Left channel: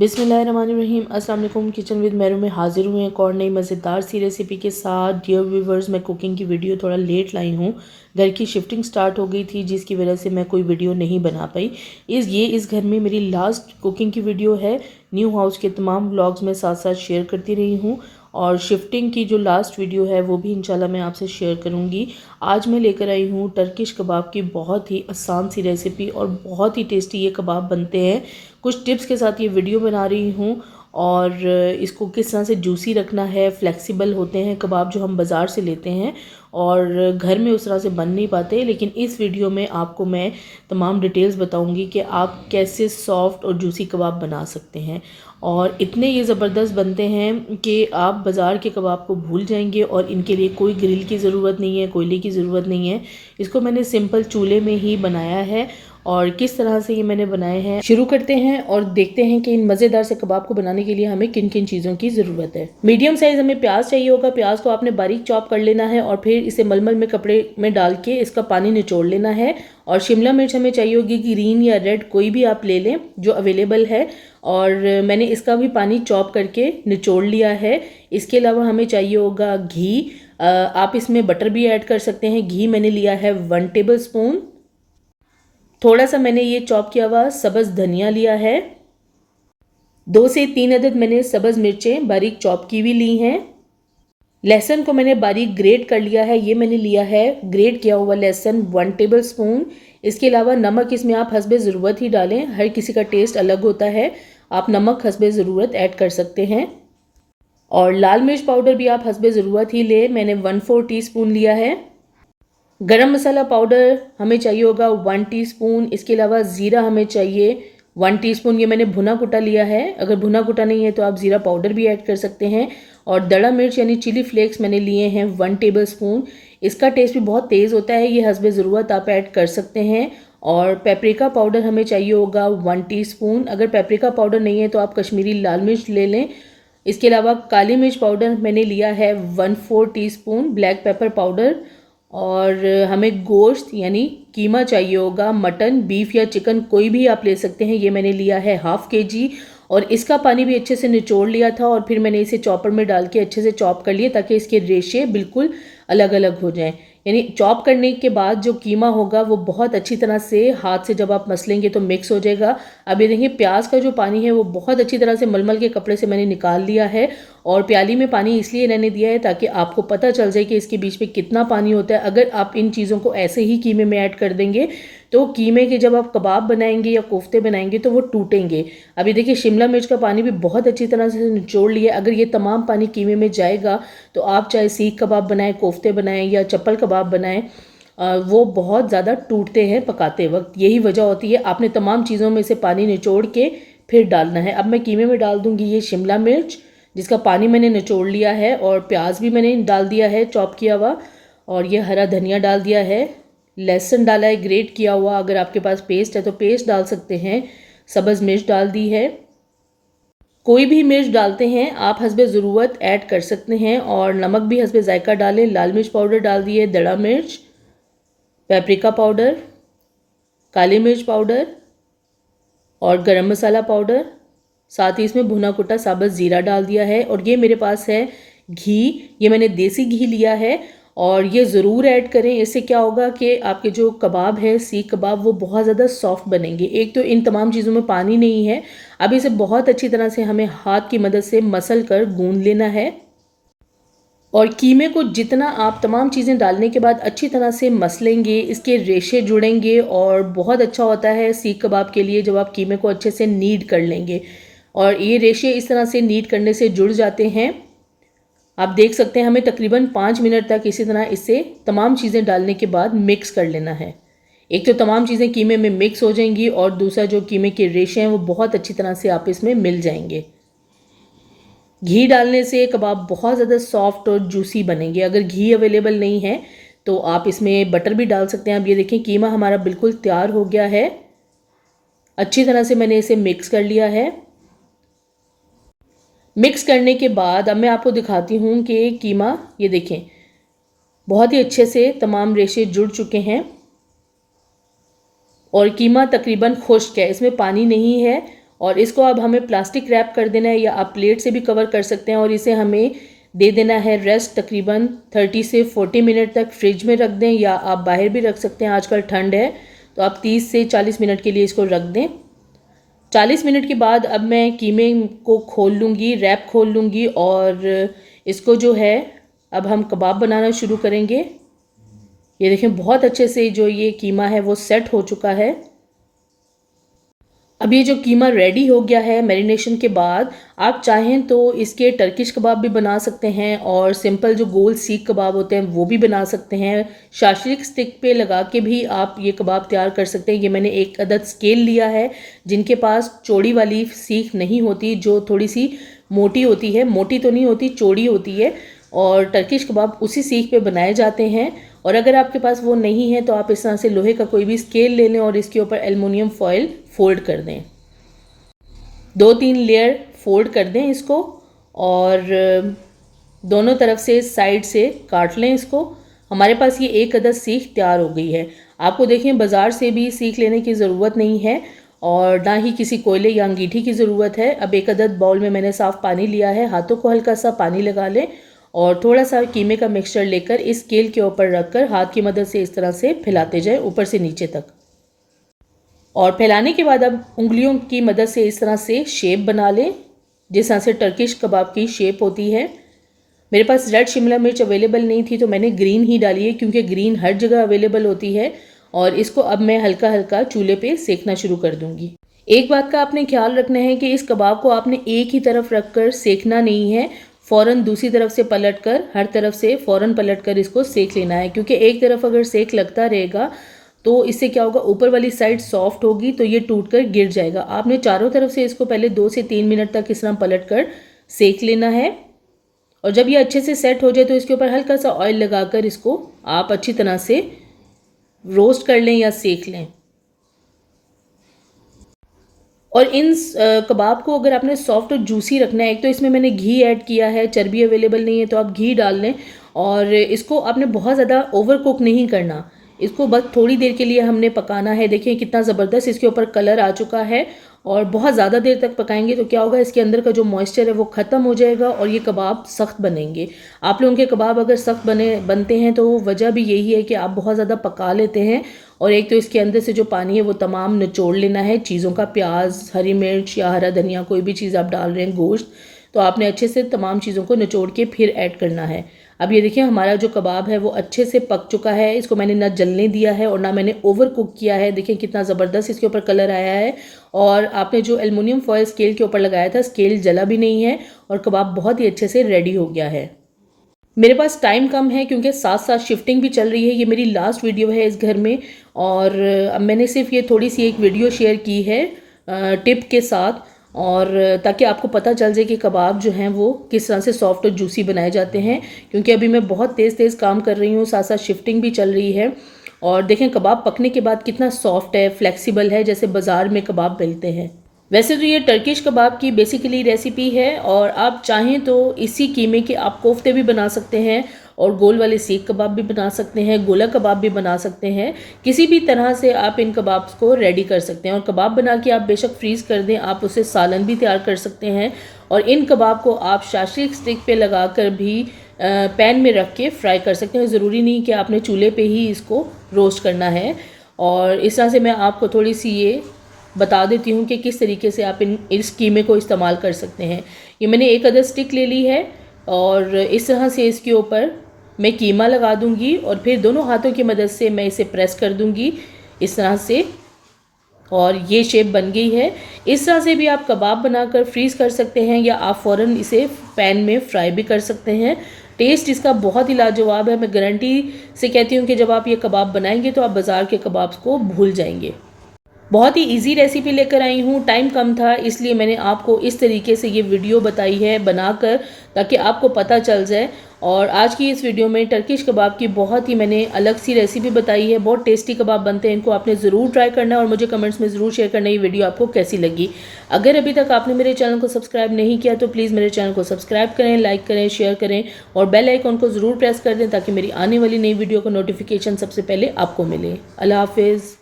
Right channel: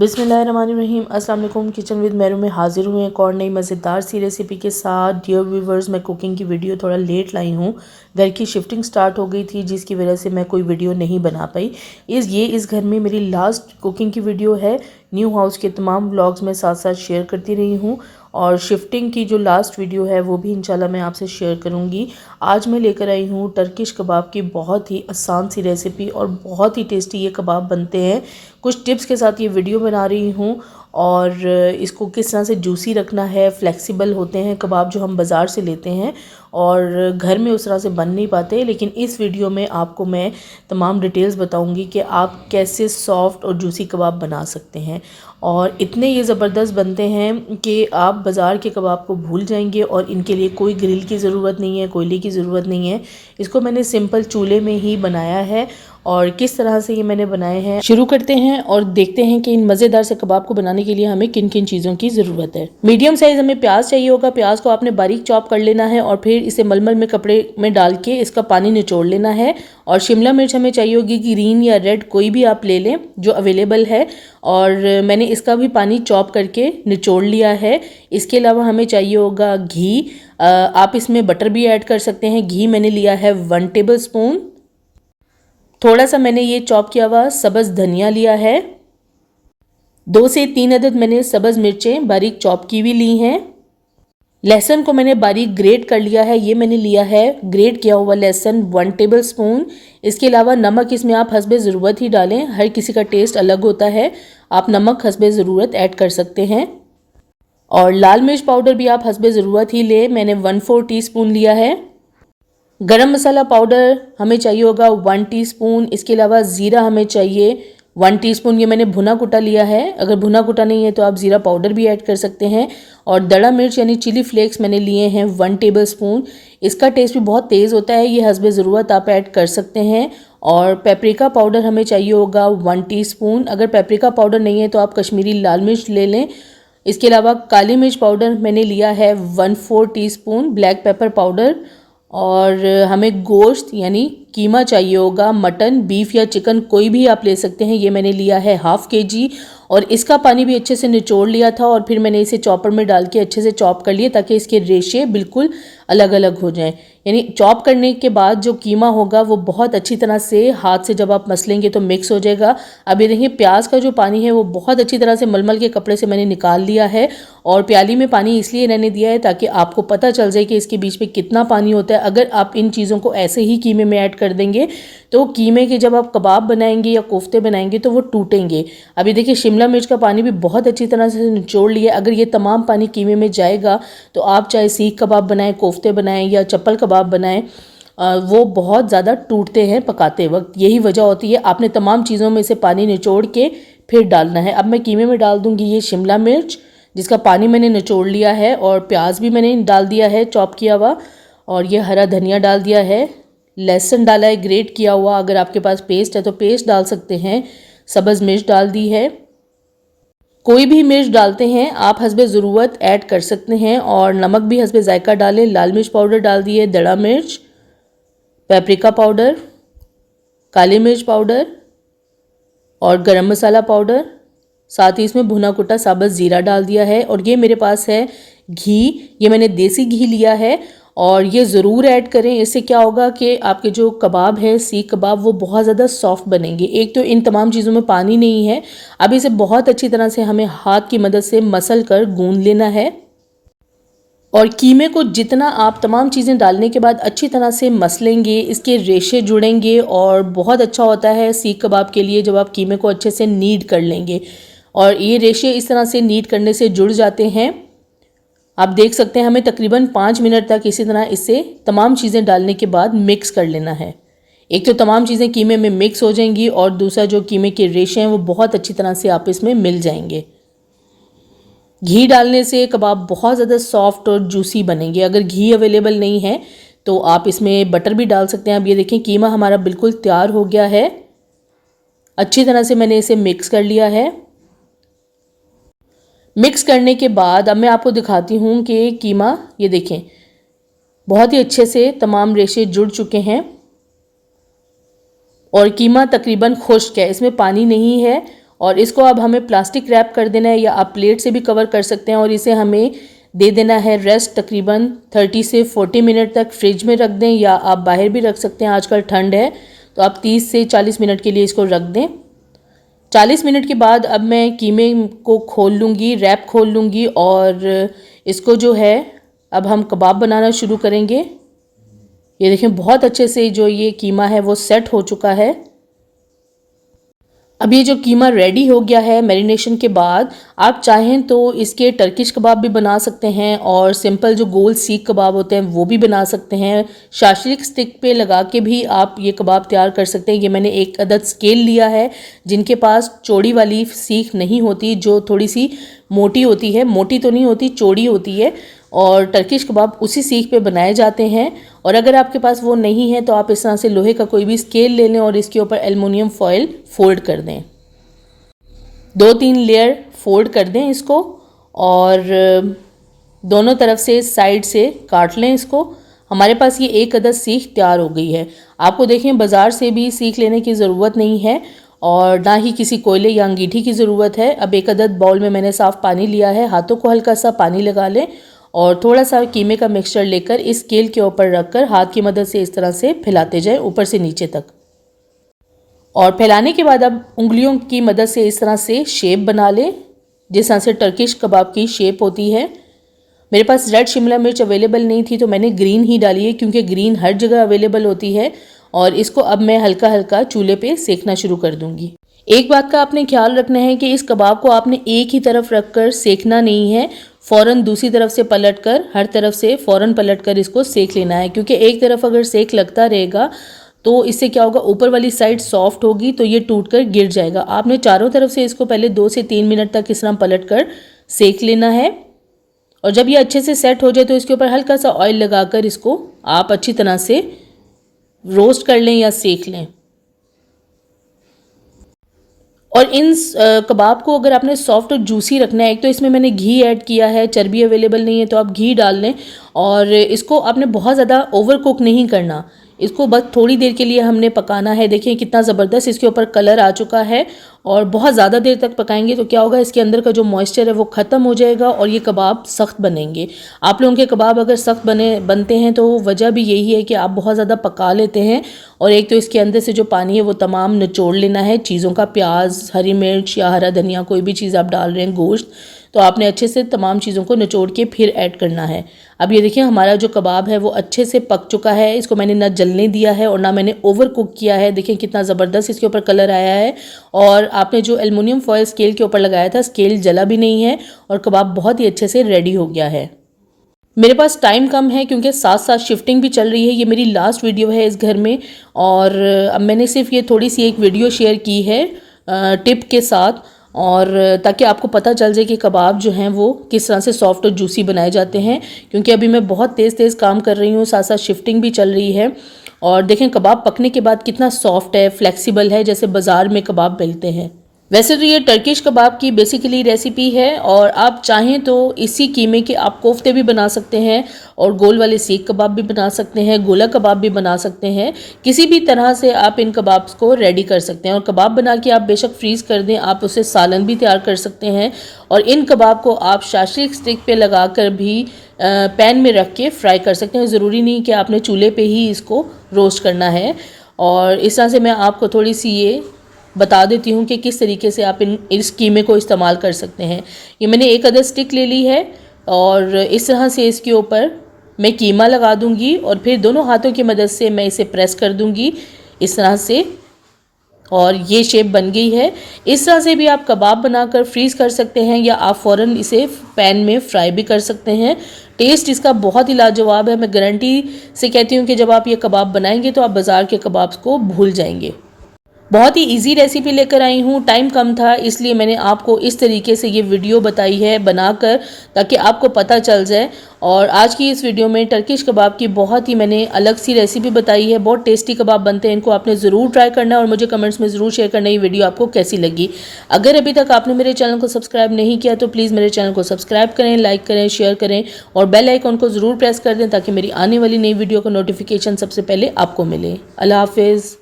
बिस्मिल्लाहिर्रहमानिर्रहीम। अस्सलाम वालेकुम। किचन विद मेरू में हाजिर हुए एक और नई मज़ेदार सी रेसिपी के साथ। डियर व्यूवर्स, मैं कुकिंग की वीडियो थोड़ा लेट लाई हूँ। घर की शिफ्टिंग स्टार्ट हो गई थी जिसकी वजह से मैं कोई वीडियो नहीं बना पाई। इस घर में मेरी लास्ट कुकिंग की वीडियो है। न्यू हाउस के तमाम व्लॉग्स मैं साथ साथ शेयर करती रही हूँ और शिफ्टिंग की जो लास्ट वीडियो है वो भी इंशाल्लाह मैं आपसे शेयर करूँगी। आज मैं लेकर आई हूँ टर्किश कबाब की बहुत ही आसान सी रेसिपी और बहुत ही टेस्टी ये कबाब बनते हैं। कुछ टिप्स के साथ ये वीडियो बना रही हूँ और इसको किस तरह से जूसी रखना है। फ्लेक्सिबल होते हैं कबाब जो हम बाज़ार से लेते हैं और घर में उस तरह से बन नहीं पाते, लेकिन इस वीडियो में आपको मैं तमाम डिटेल्स बताऊंगी कि आप कैसे सॉफ्ट और जूसी कबाब बना सकते हैं। और इतने ये ज़बरदस्त बनते हैं कि आप बाज़ार के कबाब को भूल जाएंगे और इनके लिए कोई ग्रिल की ज़रूरत नहीं है, कोयले की ज़रूरत नहीं है। इसको मैंने सिंपल चूल्हे में ही बनाया है और किस तरह से ये मैंने बनाए हैं शुरू करते हैं और देखते हैं कि इन मज़ेदार से कबाब को बनाने के लिए हमें किन किन चीज़ों की ज़रूरत है। मीडियम साइज़ हमें प्याज चाहिए होगा। प्याज को आपने बारीक चॉप कर लेना है और फिर इसे मलमल में कपड़े में डाल के इसका पानी निचोड़ लेना है। और शिमला मिर्च हमें चाहिए होगी, ग्रीन या रेड कोई भी आप ले लें जो अवेलेबल है। और मैंने इसका भी पानी चॉप करके निचोड़ लिया है। इसके अलावा हमें चाहिए होगा घी। आप इसमें बटर भी ऐड कर सकते हैं। घी मैंने लिया है 1 टेबल स्पून। थोड़ा सा मैंने ये चॉप किया हुआ सब्ज़ धनिया लिया है। 2 से 3 अदद मैंने सब्ज़ मिर्चें बारीक चॉप की हुई ली हैं। लहसुन को मैंने बारीक ग्रेट कर लिया है। ये मैंने लिया है ग्रेट किया हुआ लहसुन 1 टेबल स्पून। इसके अलावा नमक इसमें आप हस्बे ज़रूरत ही डालें, हर किसी का टेस्ट अलग होता है। आप नमक हस्बे ज़रूरत ऐड कर सकते हैं। और लाल मिर्च पाउडर भी आप हस्बे ज़रूरत ही ले, मैंने 1/4 टीस्पून लिया है। गरम मसाला पाउडर हमें चाहिए होगा 1 टीस्पून। इसके अलावा ज़ीरा हमें चाहिए 1 टीस्पून। ये मैंने भुना कुटा लिया है। अगर भुना कुटा नहीं है तो आप ज़ीरा पाउडर भी ऐड कर सकते हैं। और दड़ा मिर्च यानी चिली फ्लेक्स मैंने लिए हैं 1 टेबल स्पून। इसका टेस्ट भी बहुत तेज़ होता है, ये हस्बे ज़रूरत आप ऐड कर सकते हैं। और पेपरिका पाउडर हमें चाहिए होगा 1 टीस्पून। अगर पेपरिका पाउडर नहीं है तो आप कश्मीरी लाल मिर्च ले लें। इसके अलावा काली मिर्च पाउडर मैंने लिया है 1/4 टीस्पून। Black pepper powder. और हमें गोश्त यानी कीमा चाहिए होगा, मटन, बीफ या चिकन कोई भी आप ले सकते हैं। ये मैंने लिया है ½ kg और इसका पानी भी अच्छे से निचोड़ लिया था और फिर मैंने इसे चॉपर में डाल के अच्छे से चॉप कर लिया ताकि इसके रेशे बिल्कुल अलग अलग हो जाएं। यानी चॉप करने के बाद जो कीमा होगा वो बहुत अच्छी तरह से हाथ से जब आप मसलेंगे तो मिक्स हो जाएगा। अब ये देखिए प्याज का जो पानी है वो बहुत अच्छी तरह से मलमल के कपड़े से मैंने निकाल लिया है। और प्याली में पानी इसलिए मैंने दिया है ताकि आपको पता चल जाए कि इसके बीच में कितना पानी होता है। अगर आप इन चीज़ों को ऐसे ही कीमे में ऐड कर देंगे तो कीमे के जब आप कबाब बनाएंगे या कोफ्ते बनाएंगे तो वो टूटेंगे। अभी देखिए शिमला मिर्च का पानी भी बहुत अच्छी तरह से निचोड़ लिया। अगर ये तमाम पानी कीमे में जाएगा तो आप चाहे सीख कबाब बनाएं, कोफ्ते बनाएं या चप्पल कबाब बनाएं, वो बहुत ज़्यादा टूटते हैं पकाते वक्त। यही वजह होती है। आपने तमाम चीज़ों में से पानी निचोड़ के फिर डालना है। अब मैं कीमे में डाल दूँगी ये शिमला मिर्च जिसका पानी मैंने निचोड़ लिया है और प्याज भी मैंने डाल दिया है चॉप किया हुआ। और ये हरा धनिया डाल दिया है। लहसुन डाला है ग्रेट किया हुआ। अगर आपके पास पेस्ट है तो पेस्ट डाल सकते हैं। सब्ज़ मिर्च डाल दी है। कोई भी मिर्च डालते हैं आप हस्बे ज़रूरत ऐड कर सकते हैं। और नमक भी हस्बे जायका डालें। लाल मिर्च पाउडर डाल दिए, दड़ा मिर्च, पेपरिका पाउडर, काली मिर्च पाउडर और गरम मसाला पाउडर। साथ ही इसमें भुना कुटा साबुत ज़ीरा डाल दिया है। और ये मेरे पास है घी, ये मैंने देसी घी लिया है और ये ज़रूर ऐड करें। इससे क्या होगा कि आपके जो कबाब है सीख कबाब वो बहुत ज़्यादा सॉफ्ट बनेंगे। एक तो इन तमाम चीज़ों में पानी नहीं है। अब इसे बहुत अच्छी तरह से हमें हाथ की मदद से मसल कर गूंद लेना है। और कीमे को जितना आप तमाम चीज़ें डालने के बाद अच्छी तरह से मसलेंगे इसके रेशे जुड़ेंगे और बहुत अच्छा होता है सीख कबाब के लिए जब आप कीमे को अच्छे से नीड कर लेंगे। और ये रेशे इस तरह से नीड करने से जुड़ जाते हैं। आप देख सकते हैं हमें तकरीबन 5 मिनट तक इसी तरह इससे तमाम चीज़ें डालने के बाद मिक्स कर लेना है। एक तो तमाम चीज़ें कीमे में मिक्स हो जाएंगी और दूसरा जो कीमे के रेशे हैं वो बहुत अच्छी तरह से आप इसमें मिल जाएंगे। घी डालने से कबाब बहुत ज़्यादा सॉफ्ट और जूसी बनेंगे। अगर घी अवेलेबल नहीं है तो आप इसमें बटर भी डाल सकते हैं। अब ये देखें कीमा हमारा बिल्कुल तैयार हो गया है। अच्छी तरह से मैंने इसे मिक्स कर लिया है। मिक्स करने के बाद अब मैं आपको दिखाती हूँ कि कीमा ये देखें बहुत ही अच्छे से तमाम रेशे जुड़ चुके हैं और कीमा तकरीबन खुश्क है, इसमें पानी नहीं है और इसको अब हमें प्लास्टिक रैप कर देना है या आप प्लेट से भी कवर कर सकते हैं और इसे हमें दे देना है रेस्ट तकरीबन 30 से 40 मिनट तक फ्रिज में रख दें या आप बाहर भी रख सकते हैं, आजकल ठंड है तो आप 30 से 40 मिनट के लिए इसको रख दें। 40 मिनट के बाद अब मैं कीमे को खोल लूँगी, रैप खोल लूँगी और इसको जो है अब हम कबाब बनाना शुरू करेंगे। ये देखें बहुत अच्छे से जो ये कीमा है वो सेट हो चुका है। अब ये जो कीमा रेडी हो गया है मैरिनेशन के बाद, आप चाहें तो इसके टर्किश कबाब भी बना सकते हैं और सिंपल जो गोल सीख कबाब होते हैं वो भी बना सकते हैं। शाशलिक स्टिक पे लगा के भी आप ये कबाब तैयार कर सकते हैं। ये मैंने एक अदद स्केल लिया है, जिनके पास चौड़ी वाली सीख नहीं होती, जो थोड़ी सी मोटी होती है, मोटी तो नहीं होती, चौड़ी होती है, और टर्किश कबाब उसी सीख पे बनाए जाते हैं। और अगर आपके पास वो नहीं है तो आप इस तरह से लोहे का कोई भी स्केल ले लें और इसके ऊपर एल्युमिनियम फॉयल फोल्ड कर दें, 2-3 लेयर फोल्ड कर दें इसको और दोनों तरफ से साइड से काट लें इसको। हमारे पास ये एक अदद सीख तैयार हो गई है। आपको देखें बाज़ार से भी सीख लेने की ज़रूरत नहीं है और ना ही किसी कोयले या अंगीठी की ज़रूरत है। अब एक अदद बाउल में मैंने साफ़ पानी लिया है, हाथों को हल्का सा पानी लगा लें और थोड़ा सा कीमे का मिक्सचर लेकर इस स्केल के ऊपर रखकर हाथ की मदद से इस तरह से फैलाते जाएं ऊपर से नीचे तक। और फैलाने के बाद अब उंगलियों की मदद से इस तरह से शेप बना लें, जिस तरह से टर्किश कबाब की शेप होती है। मेरे पास रेड शिमला मिर्च अवेलेबल नहीं थी तो मैंने ग्रीन ही डाली है, क्योंकि ग्रीन हर जगह अवेलेबल होती है। और इसको अब मैं हल्का हल्का चूल्हे पे सेकना शुरू कर दूंगी। एक बात का आपने ख्याल रखना है कि इस कबाब को आपने एक ही तरफ रखकर सेकना नहीं है, फ़ौरन दूसरी तरफ से पलटकर, हर तरफ से फ़ौरन पलटकर इसको सेक लेना है, क्योंकि एक तरफ अगर सेक लगता रहेगा तो इससे क्या होगा, ऊपर वाली साइड सॉफ्ट होगी तो ये टूटकर गिर जाएगा। आपने चारों तरफ से इसको पहले 2 से 3 मिनट तक इस तरह पलटकर सेक लेना है। और जब ये अच्छे से सेट हो जाए तो इसके ऊपर हल्का सा ऑयल लगाकर इसको आप अच्छी तरह से रोस्ट कर लें या सेक लें। और इन कबाब को अगर आपने सॉफ्ट और जूसी रखना है, एक तो इसमें मैंने घी ऐड किया है, चर्बी अवेलेबल नहीं है तो आप घी डाल लें। और इसको आपने बहुत ज़्यादा ओवर कुक नहीं करना, इसको बस थोड़ी देर के लिए हमने पकाना है। देखिए कितना ज़बरदस्त इसके ऊपर कलर आ चुका है। और बहुत ज़्यादा देर तक पकाएंगे तो क्या होगा, इसके अंदर का जो मॉइस्चर है वो ख़त्म हो जाएगा और ये कबाब सख्त बनेंगे। आप लोगों के कबाब अगर सख्त बनते हैं तो वजह भी यही है कि आप बहुत ज़्यादा पका लेते हैं और एक तो इसके अंदर से जो पानी है वो तमाम निचोड़ लेना है चीज़ों का। प्याज, हरी मिर्च या हरा धनिया, कोई भी चीज़ आप डाल रहे हैं, गोश्त, तो आपने अच्छे से तमाम चीज़ों को निचोड़ के फिर ऐड करना है। अब ये देखिए हमारा जो कबाब है वो अच्छे से पक चुका है। इसको मैंने ना जलने दिया है और ना मैंने ओवर कुक किया है। देखिए कितना ज़बरदस्त इसके ऊपर कलर आया है। और आपने जो एल्युमिनियम फॉयल स्केल के ऊपर लगाया था, स्केल जला भी नहीं है और कबाब बहुत ही अच्छे से रेडी हो गया है। मेरे पास टाइम कम है क्योंकि साथ साथ शिफ्टिंग भी चल रही है। ये मेरी लास्ट वीडियो है इस घर में और अब मैंने सिर्फ ये थोड़ी सी एक वीडियो शेयर की है टिप के साथ, और ताकि आपको पता चल जाए कि कबाब जो हैं वो किस तरह से सॉफ्ट और जूसी बनाए जाते हैं। क्योंकि अभी मैं बहुत तेज़ काम कर रही हूँ, साथ साथ शिफ्टिंग भी चल रही है। और देखें कबाब पकने के बाद कितना सॉफ्ट है, फ्लेक्सिबल है, जैसे बाज़ार में कबाब मिलते हैं। वैसे तो ये टर्किश कबाब की बेसिकली रेसिपी है और आप चाहें तो इसी कीमे के आप कोफ्ते भी बना सकते हैं और गोल वाले सीख कबाब भी बना सकते हैं, गोला कबाब भी बना सकते हैं। किसी भी तरह से आप इन कबाब्स को रेडी कर सकते हैं और कबाब बना के आप बेशक फ्रीज़ कर दें, आप उससे सालन भी तैयार कर सकते हैं। और इन कबाब को आप शाशलिक स्टिक पे लगा कर भी पैन में रख के फ्राई कर सकते हैं। ज़रूरी नहीं कि आपने चूल्हे पे ही इसको रोस्ट करना है। और इस तरह से मैं आपको थोड़ी सी ये बता देती हूँ कि किस तरीके से आप इस कीमे को इस्तेमाल कर सकते हैं। ये मैंने एक अदद स्टिक ले ली है और इस तरह से इसके ऊपर मैं कीमा लगा दूंगी और फिर दोनों हाथों की मदद से मैं इसे प्रेस कर दूंगी इस तरह से, और ये शेप बन गई है। इस तरह से भी आप कबाब बनाकर फ्रीज़ कर सकते हैं या आप फ़ौरन इसे पैन में फ्राई भी कर सकते हैं। टेस्ट इसका बहुत ही लाजवाब है। मैं गारंटी से कहती हूँ कि जब आप ये कबाब बनाएंगे तो आप बाज़ार के कबाब को भूल जाएंगे। बहुत ही इजी रेसिपी लेकर आई हूँ, टाइम कम था इसलिए मैंने आपको इस तरीके से ये वीडियो बताई है बनाकर, ताकि आपको पता चल जाए। और आज की इस वीडियो में टर्किश कबाब की बहुत ही मैंने अलग सी रेसिपी बताई है। बहुत टेस्टी कबाब बनते हैं, इनको आपने ज़रूर ट्राई करना है और मुझे कमेंट्स में ज़रूर शेयर करना है ये वीडियो आपको कैसी लगी। अगर अभी तक आपने मेरे चैनल को सब्सक्राइब नहीं किया तो प्लीज़ मेरे चैनल को सब्सक्राइब करें, लाइक करें, शेयर करें और बेल आइकन को ज़रूर प्रेस कर दें ताकि मेरी आने वाली नई वीडियो का नोटिफिकेशन सबसे पहले आपको मिले। अल्लाह हाफिज़।